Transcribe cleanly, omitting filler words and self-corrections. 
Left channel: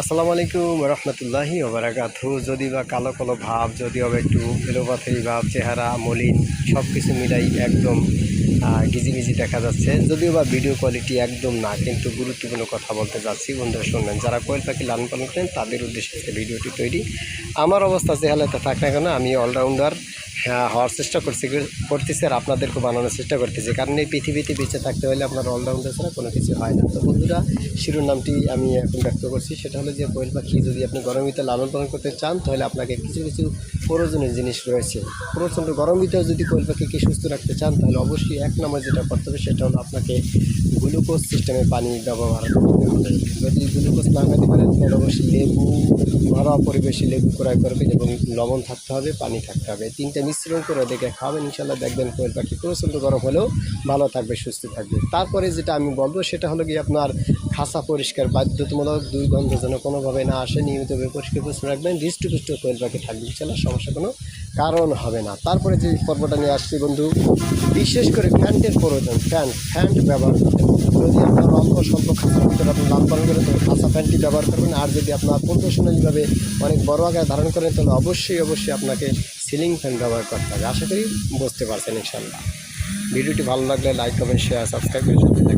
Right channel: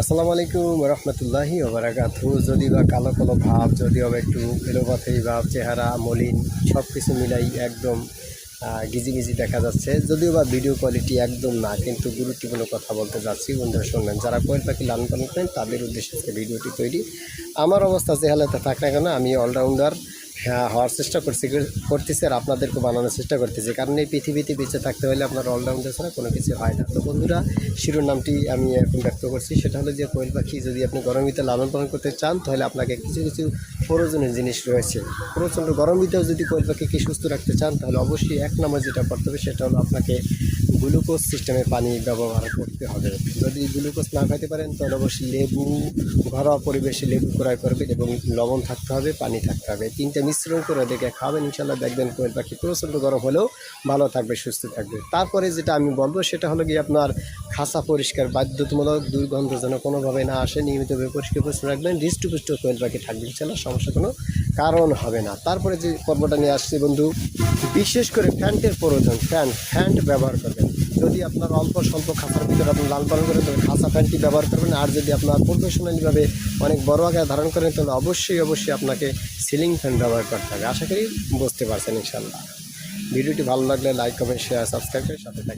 আসসালামু আলাইকুম রহমতুল্লাহি ওবারাকাতু। যদি বা কালো কালো ভাব, যদিও বা একটু এলোপাথারি ভাব, চেহারা মলিন, সব কিছু মিলাই একদম গিজিমিজি দেখা যাচ্ছে। যদিও বা ভিডিও কোয়ালিটি একদম না, কিন্তু গুরুত্বপূর্ণ কথা বলতে যাচ্ছি। বন্ধুরা শুনবেন, যারা কোয়েল পাখি লালন পালন করেন তাদের উদ্দেশ্যে ভিডিওটি তৈরি। আমার অবস্থা যে হালাতে থাক না কেন, আমি অলরাউন্ডার হওয়ার চেষ্টা করতেছি আর আপনাদেরকে বানানোর চেষ্টা করতেছি। কারণ এই পৃথিবীতে বেঁচে থাকতে হলে আপনার অলরাউন্ডার ছাড়া কোনো কিছু হয় না। তো বন্ধুরা, শিরোনামটি আমি এখন ব্যক্ত করছি, সেটা হলো যে কোয়েল পাখি যদি আপনি গরম ভিতরে লালন পালন করতে চান, তাহলে আপনাকে কিছু কিছু প্রয়োজনীয় জিনিস রয়েছে। প্রচণ্ড গরম ভিতরে যদি কোয়েল পাখিকে সুস্থ রাখতে চান, তাহলে অবশ্যই এক নম্বর যেটা করতে হবে সেটা হলো আপনাকে গ্লুকোজ সিস্টেমে পানি ব্যবহার করতে হবে। যদি গ্লুকোজ না খাইতে পারেন, তাহলে অবশ্যই লেবু, ঘরোয়া পরিবেশে লেবু ক্রয় করবেন এবং লবণ থাকতে হবে, পানি থাকতে হবে। তিনটা মিশ্রণ করে দেখে খাবেন, ইনশাল্লাহ দেখবেন কোয়েল পাখি প্রচণ্ড গরম হলেও ভালো থাকবে, সুস্থ থাকবে। তারপরে যেটা আমি বলবো সেটা হলো কি, আপনার খাঁচা পরিষ্কার, বাধ্যতামূলক, দুর্গন্ধ যেন কোনোভাবে না আসে, নিয়মিতভাবে পরিষ্কার পরিচ্ছন্ন রাখবেন। হৃষ্টপুষ্ট কোয়েল পাখি থাকবে, ইনশাল্লাহ সমস্যা কোনো কারণ হবে না। তারপরে যে পর্বটা নিয়ে আসছি বন্ধু, বিশেষ করে ফ্যান্টের প্রয়োজন। ফ্যান্ট ব্যবহার করবেন। যদি আপনার অল্প স্বল্প খাঁচার ভিতরে আপনি লালন পালন করেন, তবে খাঁচা ফ্যানটি ব্যবহার করবেন। আর যদি আপনার প্রফেশনালিভাবে অনেক বড় আকারে ধারণ করেন, তাহলে অবশ্যই আপনাকে সিলিং ফ্যান ব্যবহার করতে হবে। আশা করি বুঝতে পারছেন ইনশাল্লাহ। ভিডিওটি ভালো লাগলে লাইক, কমেন্ট, শেয়ার, সাবস্ক্রাইব করে সাথে থাকবেন।